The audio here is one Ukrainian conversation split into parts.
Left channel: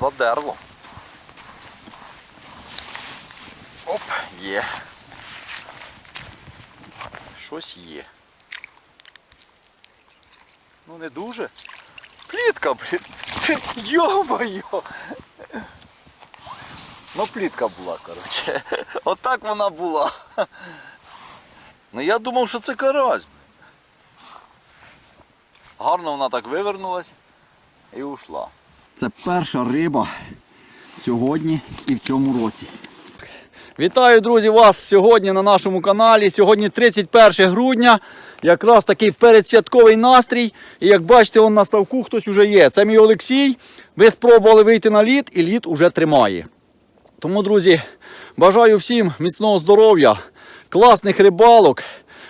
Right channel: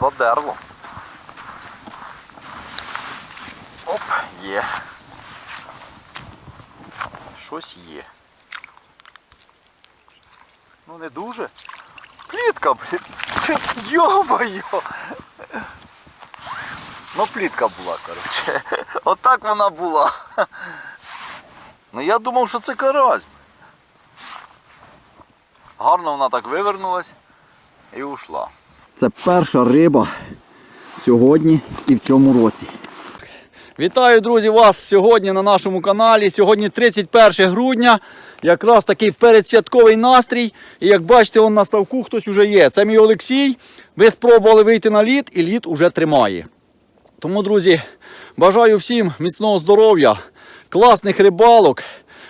задерло. Оп, є. Щось є. Ну не дуже. Плітка, блін. Йо-моє. Ну, плітка була, коротше. Отак вона була. Ну я думав, що це карась. Гарно вона так вивернулась і ушла. Це перша риба сьогодні і в цьому році. Вітаю, друзі, вас сьогодні на нашому каналі. Сьогодні 31 грудня. Якраз такий передсвятковий настрій. І як бачите, он на ставку хтось уже є. Це мій Олексій. Ви спробували вийти на лід і лід уже тримає. Тому, друзі, бажаю всім міцного здоров'я, класних рибалок,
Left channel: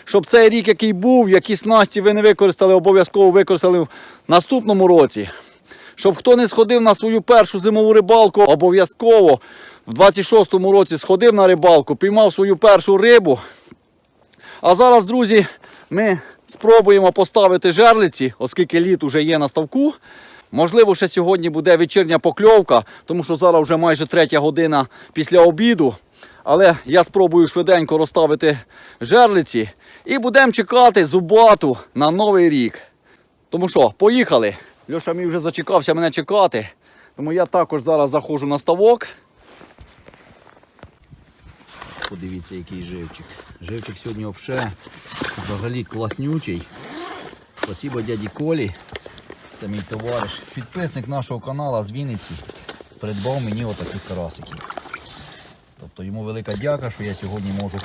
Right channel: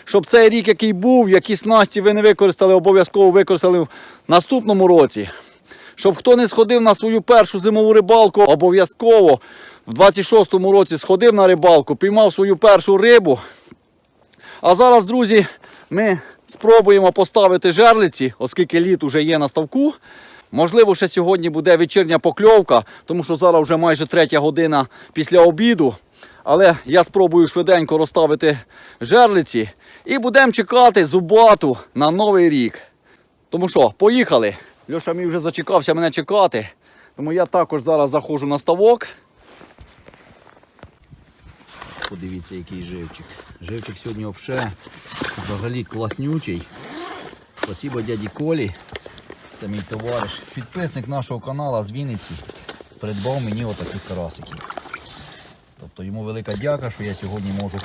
щоб цей рік, який був, які снасті ви не використали, обов'язково використали в наступному році. Щоб хто не сходив на свою першу зимову рибалку, обов'язково в 26-му році сходив на рибалку, піймав свою першу рибу. А зараз, друзі, ми спробуємо поставити жерлиці, оскільки лід уже є на ставку. Можливо, ще сьогодні буде вечірня покльовка, тому що зараз вже майже третя година після обіду. Але я спробую швиденько розставити жерлиці і будемо чекати зубату на новий рік. Тому що, поїхали. Льоша мій вже зачекався мене чекати. Тому я також зараз заходжу на ставок. Подивіться, який живчик. Живчик сьогодні взагалі, взагалі класнючий. Спасибо дяді Колі. Це мій товариш. Підписник нашого каналу з Вінниці придбав мені отаких карасиків. Тобто йому велика дяка, що я сьогодні можу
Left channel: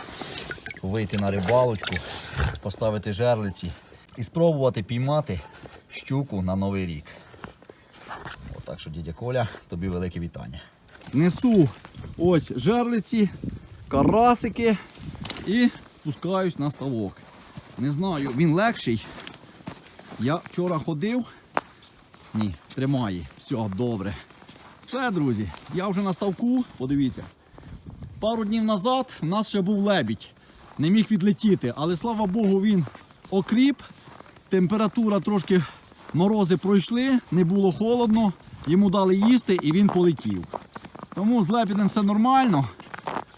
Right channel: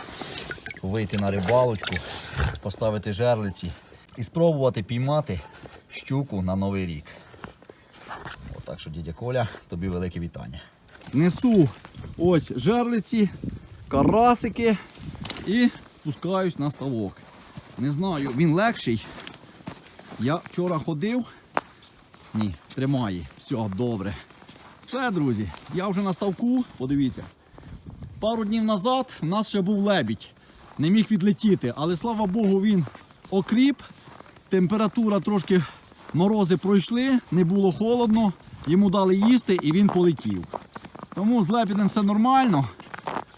вийти на рибалочку, поставити жерлиці і спробувати піймати щуку на новий рік. Отак що, дядя Коля, тобі велике вітання. Несу ось жерлиці, карасики і спускаюсь на ставок. Не знаю, він легший. Я вчора ходив. Ні, тримає. Все, добре. Все, друзі, я вже на ставку, подивіться. Пару днів назад в нас ще був лебідь. Не міг відлетіти, але слава Богу, він окріп. Температура трошки морози пройшли, не було холодно, йому дали їсти і він полетів. Тому з лебідем все нормально.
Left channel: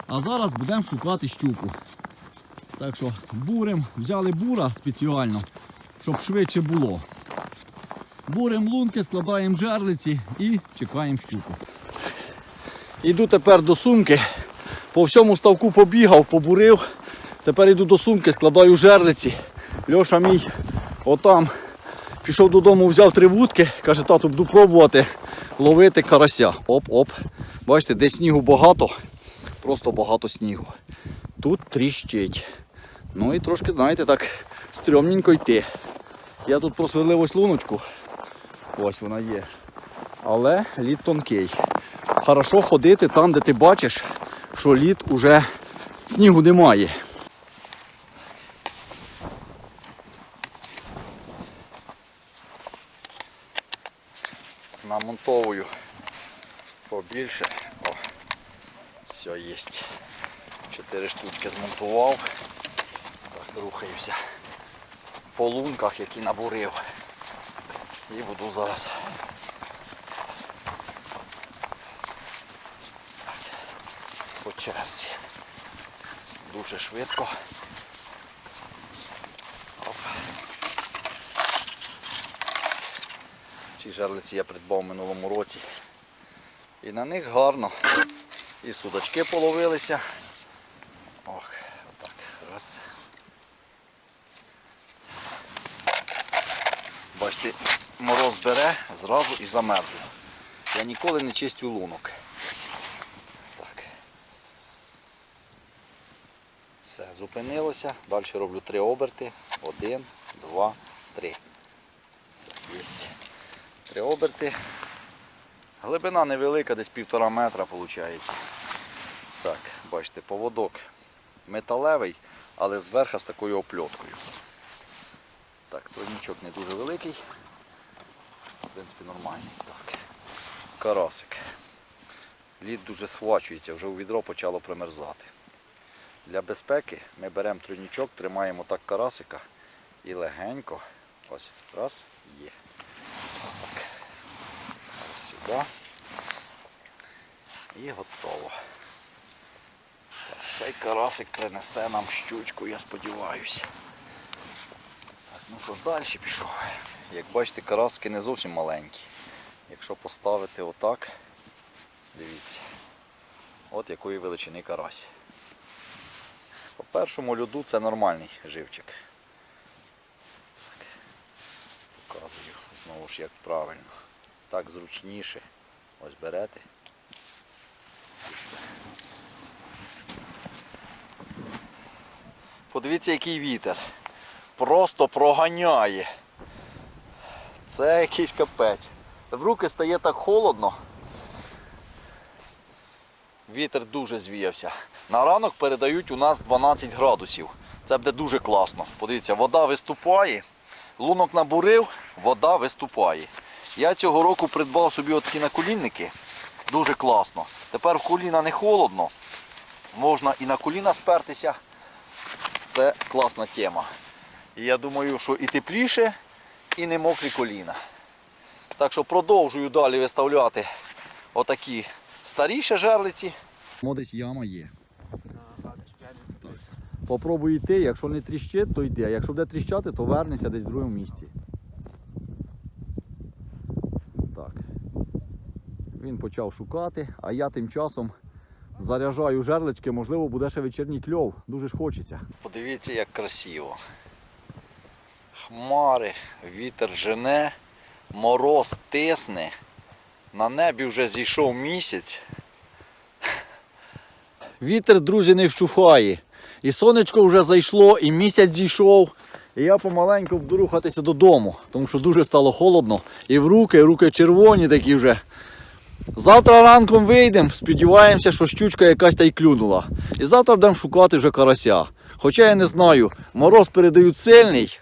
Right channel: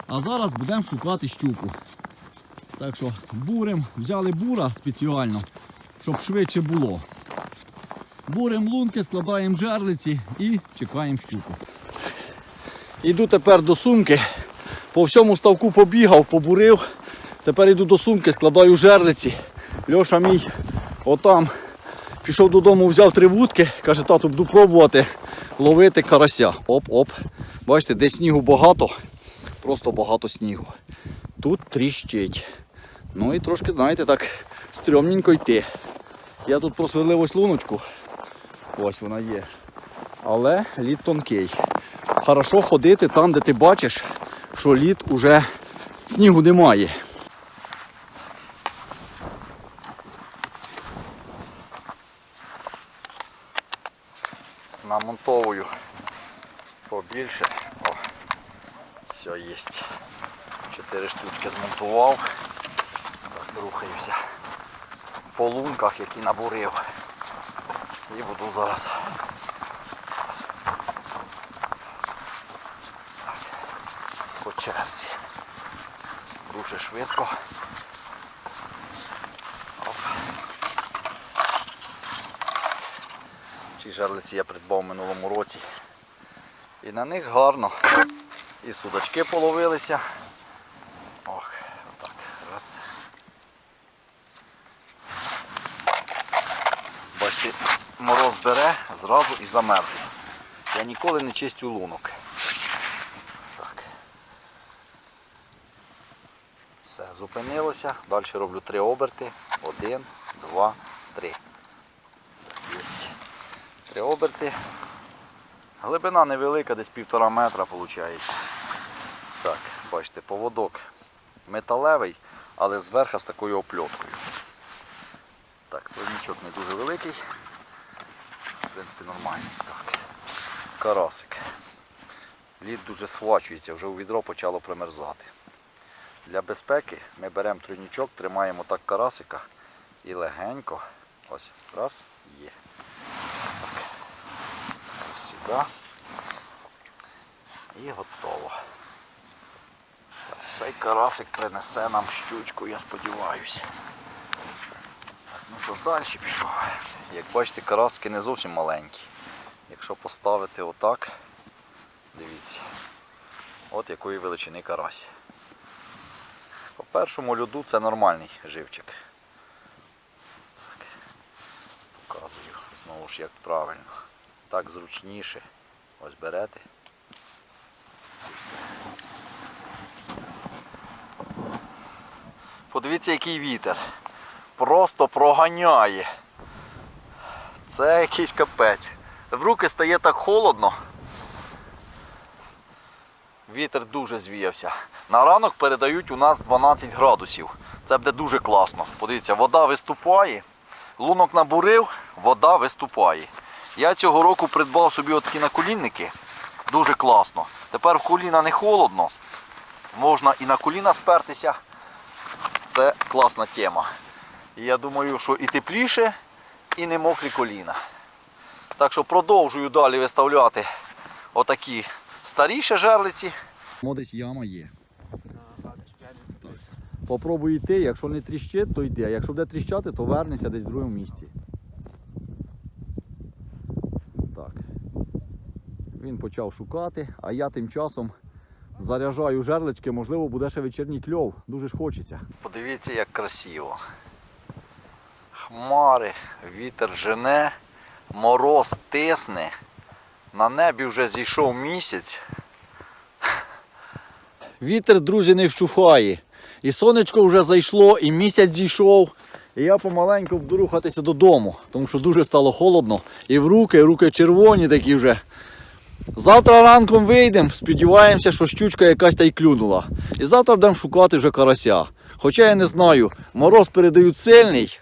А зараз будемо шукати щуку. Так що бурим, взяли бура спеціально, щоб швидше було. Бурим лунки, складаємо жерлиці і чекаємо щуку. Іду тепер до сумки. По всьому ставку побігав, побурив. Тепер йду до сумки, складаю жерлиці. Льоша мій отам пішов додому, взяв три вудки, каже, тату, буду пробувати ловити карася. Оп-оп. Бачите, де снігу багато, просто багато снігу. Тут тріщить. Ну і трошки, знаєте, так стрьомненько йти. Я тут просверлив ось луночку. Ось вона є. Але лід тонкий. Хорошо ходити там, де ти бачиш, що лід уже снігу немає. Побільше. О, все є. Чотири штучки змонтував. Так, рухаюся по лунках, які набурив. І буду зараз. По черзі. Дуже швидко. Ці жерлиці я придбав минулому році. І на них гарно. І судачки половилися. Ох, отак. Раз. Бачите, мороз бере зразу і замерзло. Я ніколи не чистю лунок. Так. Все, зупинилося. Далі роблю три оберти. Один, два, три. Все, є. Три оберти. Глибина невелика, десь півтора метра виходить. Так, бачите, поводок металевий, але зверху з такою опльоткою. Так, тройничок не дуже великий. В принципі, нормальний. Так. Карасик. Лід дуже схвачується, вже у відро почало примерзати. Для безпеки ми беремо тройничок, тримаємо так карасика і легенько. Ось, раз, є. Сюди. І готово. Так, цей карасик принесе нам щучку, я сподіваюся. Так, ну що ж, далі пішов. Як бачите, караски не зовсім маленькі. Якщо поставити отак, дивіться, от якої величини карась. По першому льоду це нормальний живчик. Так. Показую знову ж як правильно. Так зручніше. Ось берете. І все. Подивіться, який вітер. Просто проганяє. Це якийсь капець. В руки стає так холодно. Вітер дуже звіявся. На ранок передають у нас 12 градусів. Це буде дуже класно. Подивіться, вода виступає. Лунок набурив, вода виступає. Я цього року придбав собі отакі наколінники. Дуже класно. Тепер в коліна не холодно. Можна і на коліна спертися. Це класна тема. І я думаю, що і тепліше, і не мокрі коліна. Так що продовжую далі виставляти отакі старіші жерлиці. Десь яма є. Попробуй йти, якщо не тріщить, то йди. А якщо буде тріщати, то вернешся десь в другому місці. Він почав шукати, а я тим часом заряджаю жерлички, можливо, буде ще вечірній кльов. Дуже ж хочеться. Подивіться, як красиво. Хмари, вітер жене, мороз тисне. На небі вже зійшов місяць. Вітер, друзі, не вщухає. І сонечко вже зайшло, і місяць зійшов. І я помаленьку буду рухатися додому, тому що дуже стало холодно. І в руки, і руки червоні такі вже. Завтра ранком вийдемо, сподіваємося, що щучка якась та й клюнула. І завтра будемо шукати вже карася. Хоча я не знаю, мороз передають сильний.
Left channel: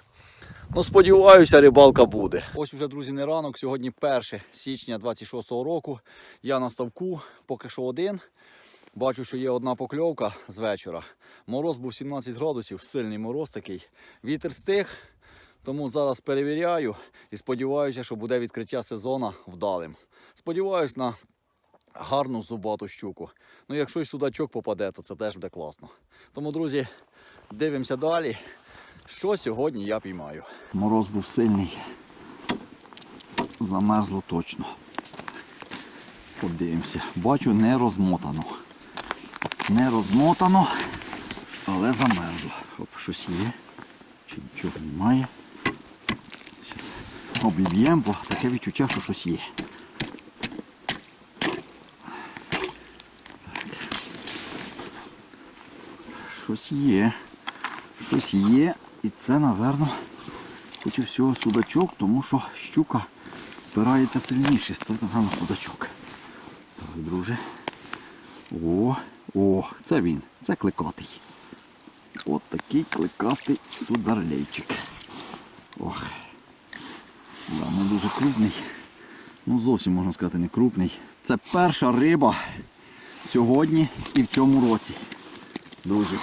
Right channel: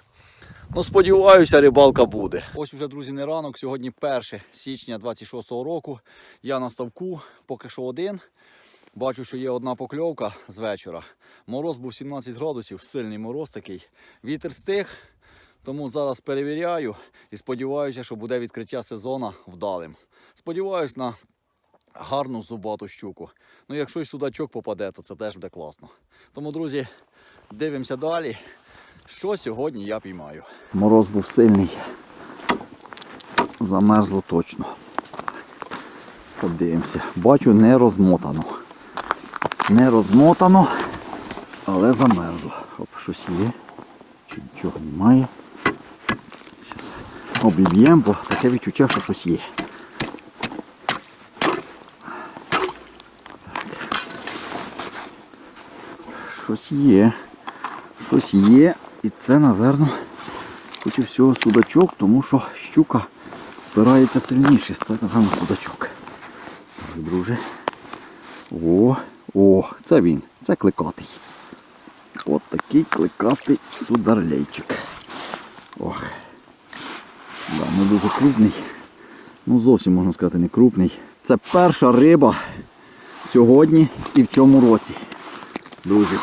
Ну, сподіваюся, рибалка буде. Ось вже, друзі, не ранок. Сьогодні 1 січня 26-го року. Я на ставку, поки що один. Бачу, що є одна покльовка з вечора. Мороз був 17 градусів, сильний мороз такий. Вітер стих, тому зараз перевіряю і сподіваюся, що буде відкриття сезону вдалим. Сподіваюсь на гарну зубату щуку. Ну, якщо й судачок попаде, то це теж буде класно. Тому, друзі, дивимося далі. Що сьогодні я піймаю? Мороз був сильний. Замерзло точно. Подивимося. Бачу, не розмотано. Не розмотано, але замерзло. Оп, щось є. Чи нічого немає. Зараз обіб'ємо, бо таке відчуття, що щось є. Щось є. Щось є. І це, напевно, хоч і всього судачок, тому що щука впирається сильніше. Це, напевно, судачок. Так, друже. О, о, це він. Це кликатий. От такий кликастий сударлейчик. Ох. Да, не дуже крупний. Ну зовсім можна сказати не крупний. Це перша риба сьогодні і в цьому році. Друзі.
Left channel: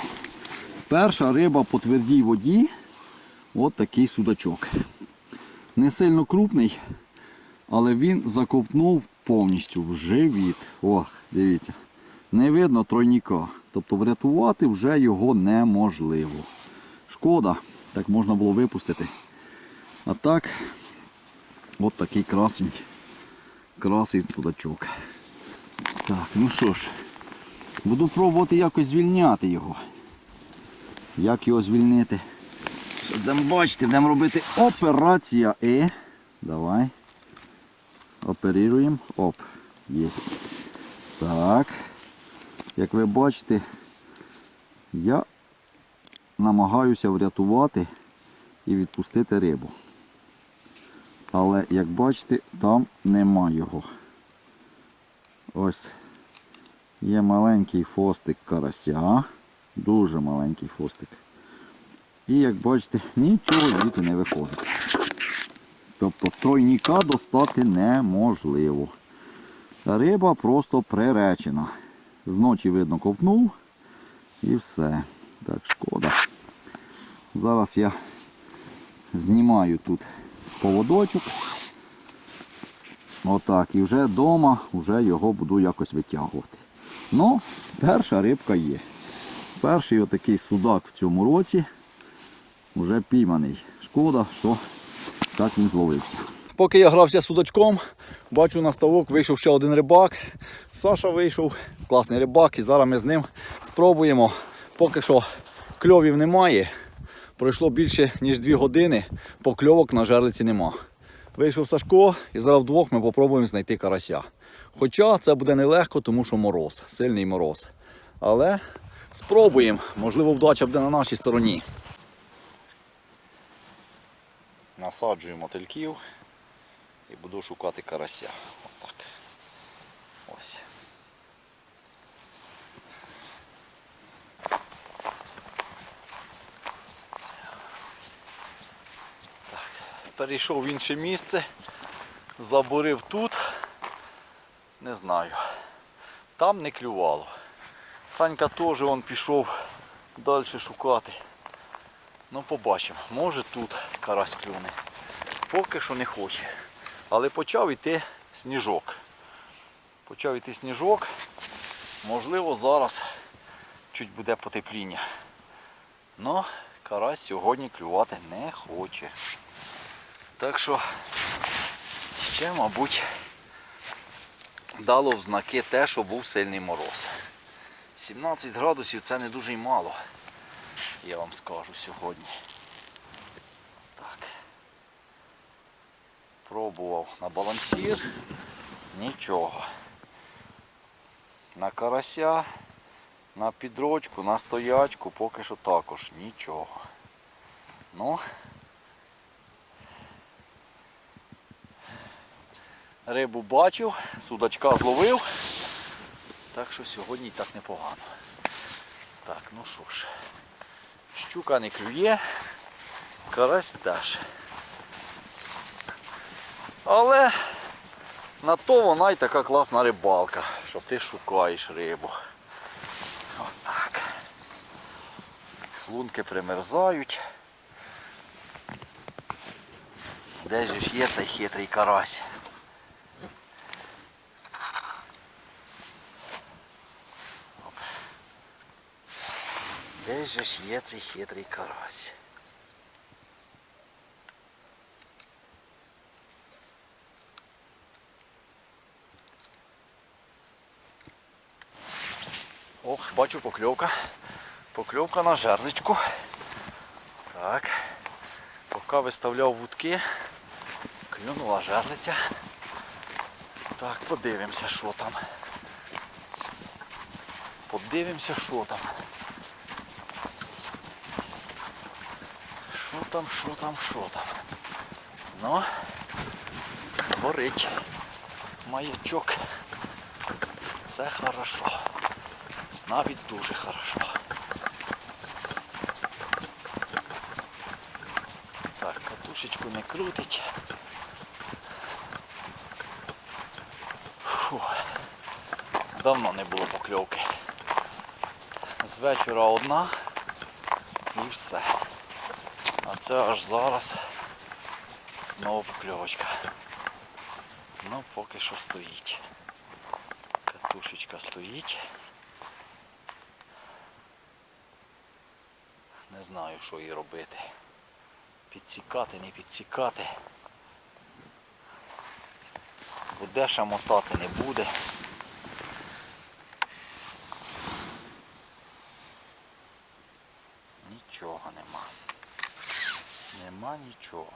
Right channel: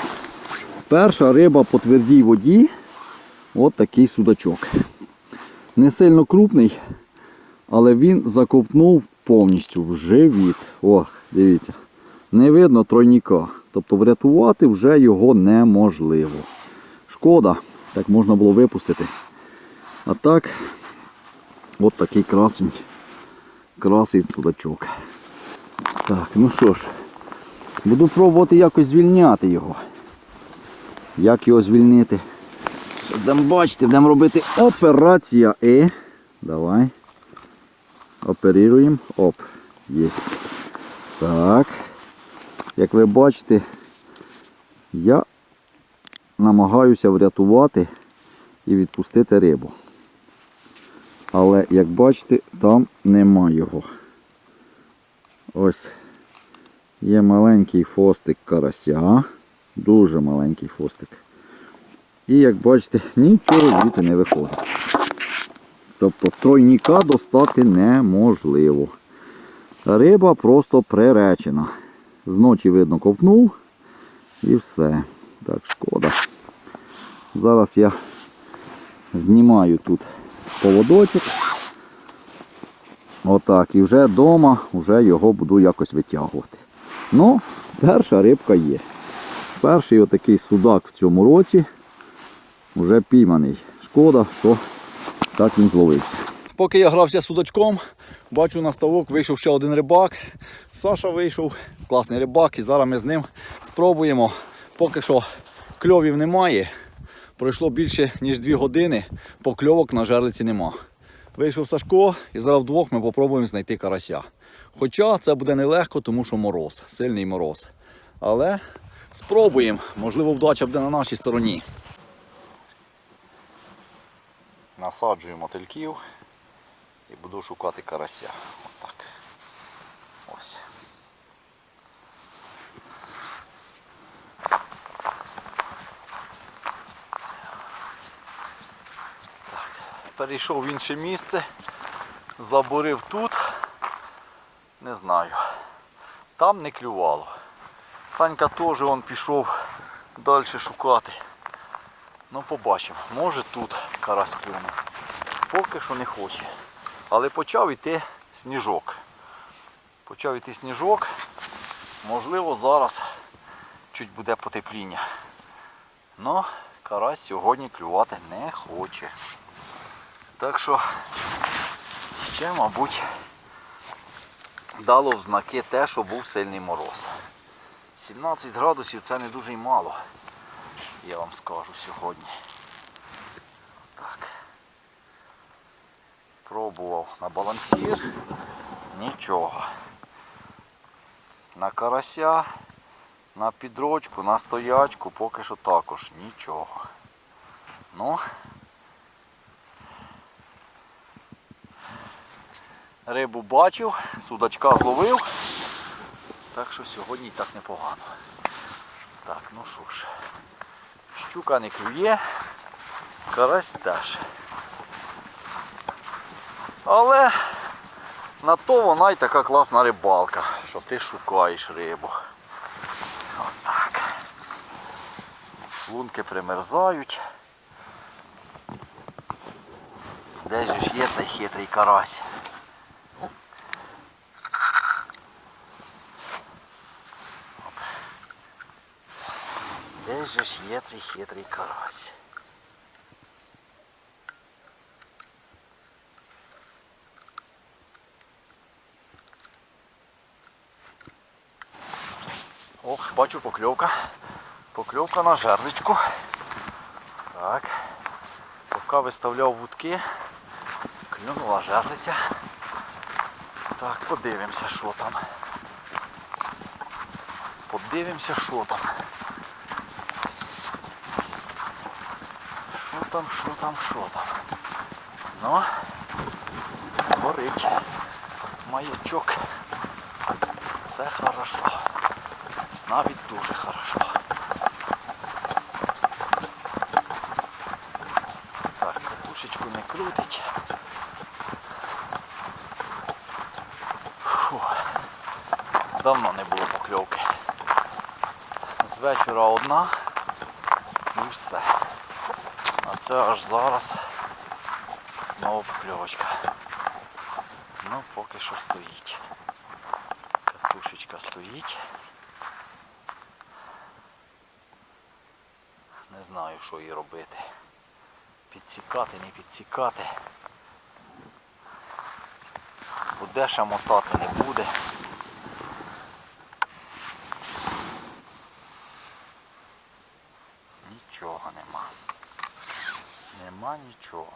Перша риба по твердій воді. От такий судачок. Не сильно крупний, але він заковтнув повністю в живіт. Ох, дивіться. Не видно тройніка. Тобто врятувати вже його неможливо. Шкода, так можна було випустити. А так, от такий красень. Красий судачок. Так, ну що ж, буду пробувати якось звільняти його. Як його звільнити? Будемо бачити, будемо робити операція І. Давай. Оперуємо. Оп. Є. Так. Як ви бачите, я намагаюся врятувати і відпустити рибу. Але, як бачите, там нема його. Ось є маленький фостик карася. Дуже маленький фостик. І як бачите, нічого звідти не виходить. Тобто тройніка достати неможливо. Риба просто приречена. Зночі, видно, ковтнув і все. Так, шкода. Зараз я знімаю тут поводочок. Отак. І вже вдома вже його буду якось витягувати. Ну, перша рибка є. Перший отакий судак в цьому році вже пійманий. Шкода, що так він зловився. Поки я грався судачком, бачу на ставок вийшов ще один рибак. Саша вийшов, класний рибак, і зараз ми з ним спробуємо. Поки що кльовів немає. Пройшло більше ніж 2 години, покльовок на жерлиці нема. Вийшов Сашко і зараз вдвох ми спробуємо знайти карася. Хоча це буде нелегко, тому що мороз, сильний мороз. Але спробуємо, можливо, вдача буде на нашій стороні. Насаджую мотильків і буду шукати карася. Отак. Ось. Так. Перейшов в інше місце, забурив тут. Не знаю. Там не клювало. Санька теж он пішов далі шукати. Ну побачимо. Може тут карась клюне. Поки що не хоче. Але почав йти сніжок. Почав йти сніжок. Можливо, зараз чуть буде потепління. Ну, карась сьогодні клювати не хоче. Так що ще, мабуть, дало в знаки те, що був сильний мороз. 17 градусів це не дуже й мало, я вам скажу сьогодні. Так. Пробував на балансір. Нічого. На карася, на підрочку, на стоячку поки що також нічого. Ну, рибу бачив, судачка зловив. Так що сьогодні і так непогано. Так, ну що ж. Щука не клює, карась теж. Але на то вона й така класна рибалка, що ти шукаєш рибу. Отак. Лунки примерзають. Де ж є цей хитрий карась? Де же ж є цей хитрий карась? Ох, бачу покльовка. Покльовка на жерличку. Так. Поки виставляв вудки, клюнула жерлиця. Так, подивимося, що там. Подивимося, що там. Там, що там, що там? Ну, горить. Маячок. Це хорошо. Навіть дуже хорошо. Так, катушечку не крутить. Фу. Давно не було покльовки. З вечора одна і все. Це аж зараз знову покльовочка. Ну, поки що стоїть. Катушечка стоїть. Не знаю, що їй робити. Підсікати, не підсікати. Буде ще мотати не буде. Нічого нема. Нема нічого.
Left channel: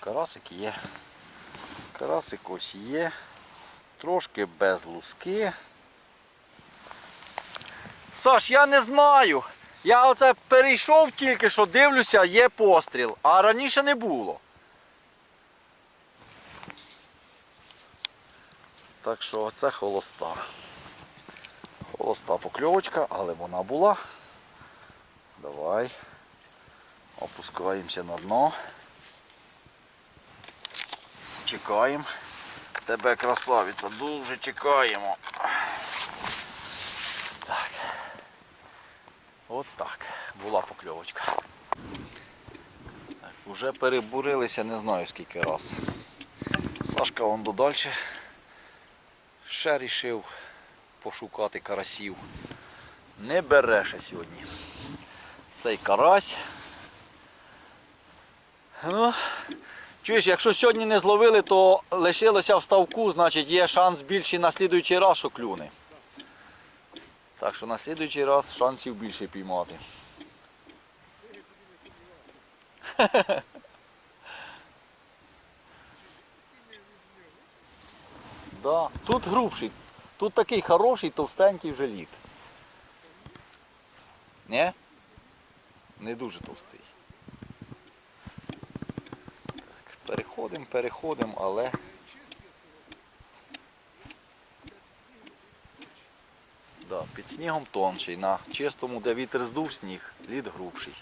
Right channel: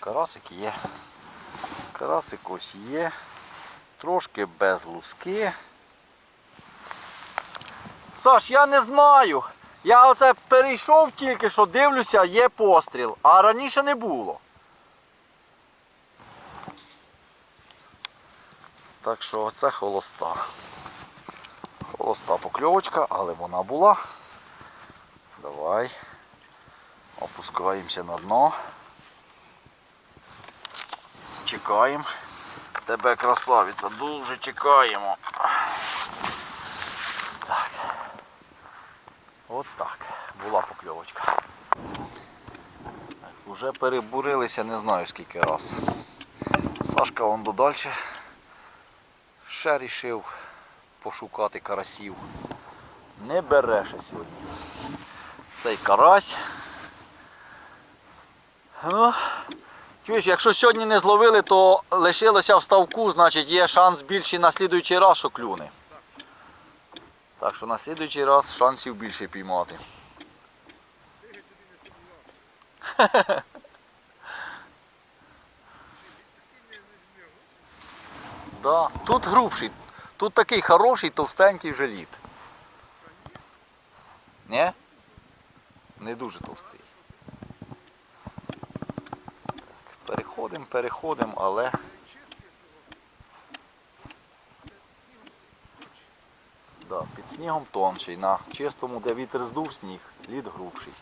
Карасик є. Карасик ось є. Трошки без луски. Саш, я не знаю. Я оце перейшов тільки що дивлюся, є постріл, а раніше не було. Так що оце холоста. Холоста покльовочка, але вона була. Давай. Опускаємося на дно. Чекаємо. Тебе красавиця, дуже чекаємо. Так. От так. Була покльовочка. Так, Уже перебурилися не знаю скільки раз. Сашка вон додальше. Ще рішив пошукати карасів. Не бере ще сьогодні. Цей карась. Ну, чуєш, якщо сьогодні не зловили, то лишилося в ставку, значить є шанс більший на слідуючий раз, що клюне. Так що на слідуючий раз шансів більше піймати. Да. Тут грубший. Тут такий хороший, товстенький вже лід. Ні? Не дуже товстий. Так, переходимо, переходимо, але. Да, під снігом тонший. На чистому, де вітер здув сніг, лід грубший.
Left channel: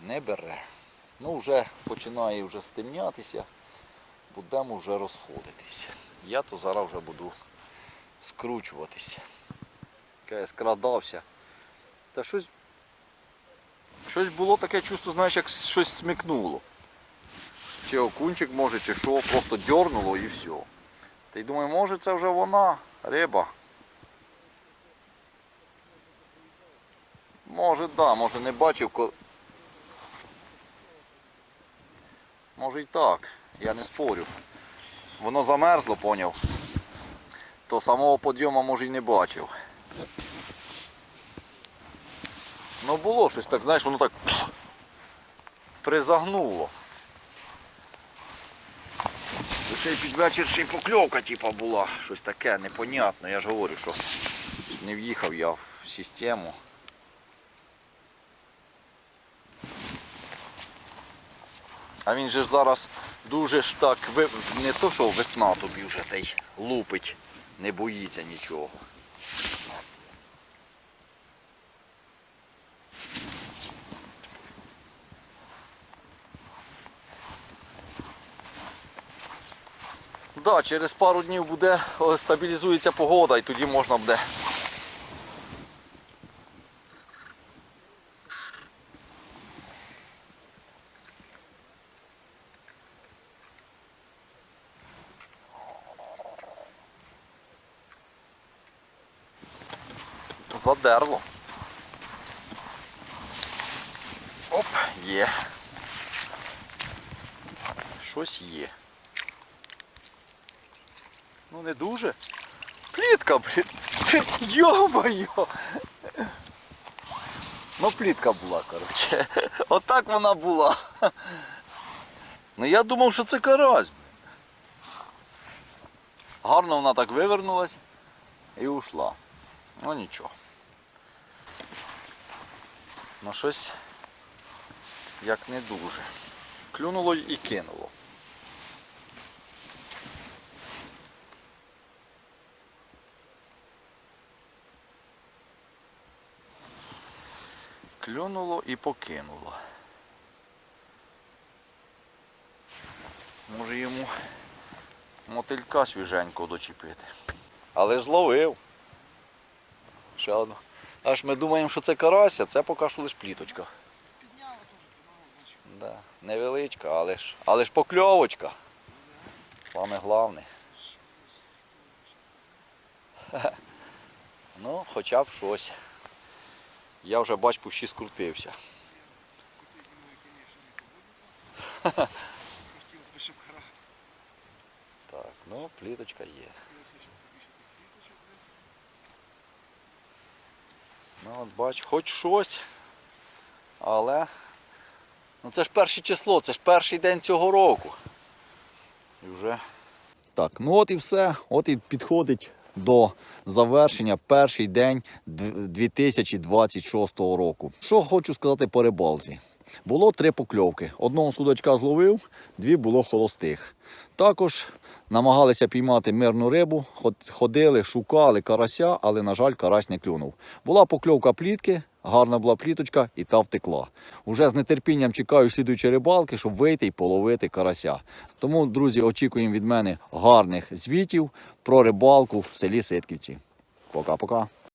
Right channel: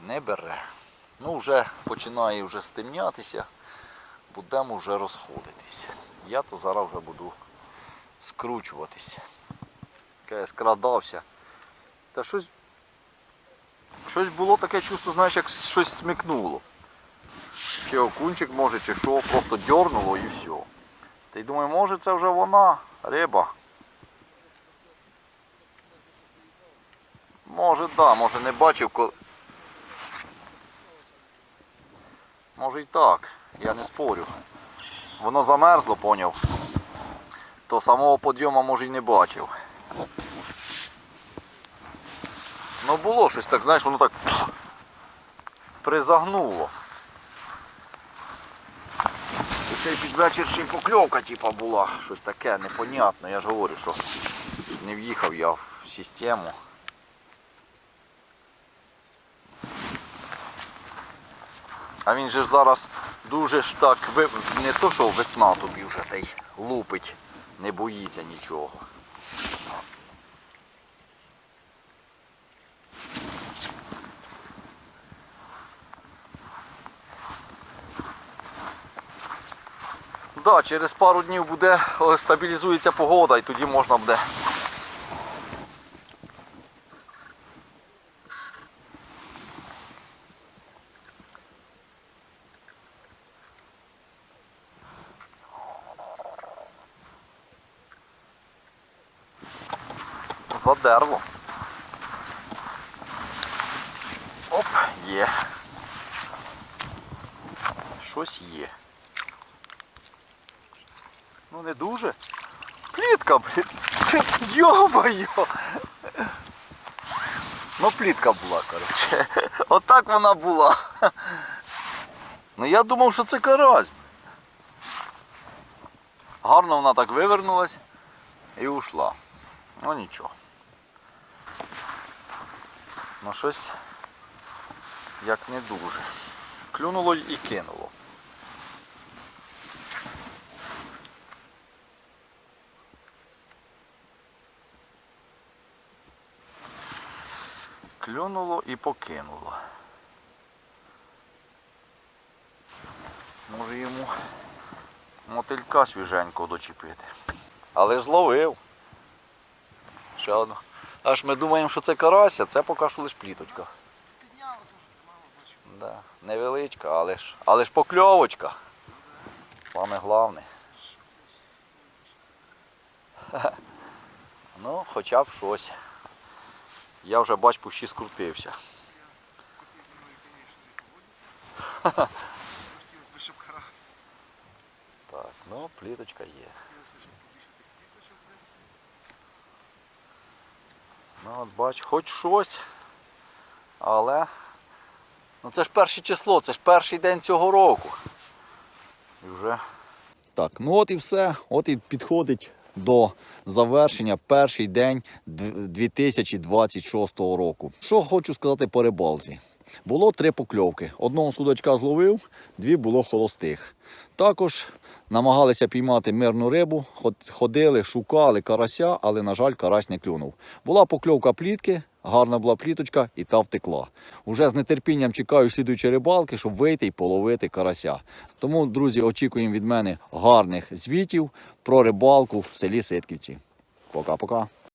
Не бере. Ну, вже починає вже стемнятися будемо вже розходитись. Я то зараз вже буду скручуватись. Я скрадався. Та щось. Щось було таке чувство, знаєш, як щось смикнуло. Чи окунчик може, чи що, просто дьорнуло і все. Та й думаю, може це вже вона, риба. Може, так, да, може не бачив. Може і так, я не спорю. Воно замерзло, поняв. То самого підйому може й не бачив. Ну було щось так, знаєш, воно так призагнуло. І Ще й під вечір ще й покльовка типа була. Щось таке непонятне. Я ж говорю, що не в'їхав я в систему. А він же зараз дуже ж так не то, що весна тобі вже та лупить, не боїться нічого. Да, через пару днів буде стабілізується погода і тоді можна буде. Задерло. Оп, є. Щось є. Ну не дуже. Плітка, блін. Йо-моє. Ну плітка була, коротше. Отак вона була. Ну я думав, що це карась. Гарно вона так вивернулась і ушла. Ну нічого. Ну щось як не дуже. Клюнуло і кинуло. Клюнуло і покинуло. Може йому мотилька свіженького дочепити. Але ж зловив. Ще одну. Аж ми думаємо, що це карася, це поки що лише пліточка. Підняла теж. Да. Невеличка, але ж, але ж покльовочка. Саме головне. Ну, хоча б щось. Я вже бач, пущі скрутився. Коти зі мною, звісно, не поводяться. Хотілося б, щоб карась. Так, ну, пліточка є. Ну, от бач, хоч щось. Але. Ну це ж перше число, це ж перший день цього року. І вже. Так, ну от і все. От і підходить до завершення перший день 2026 року. Що хочу сказати по рибалці. Було три покльовки. Одного судачка зловив, дві було холостих. Також намагалися піймати мирну рибу, ходили, шукали карася, але, на жаль, карась не клюнув. Була покльовка плітки, гарна була пліточка і та втекла. Уже з нетерпінням чекаю слідуючої рибалки, щоб вийти і половити карася. Тому, друзі, очікуємо від мене гарних звітів про рибалку в селі Ситківці. Пока-пока.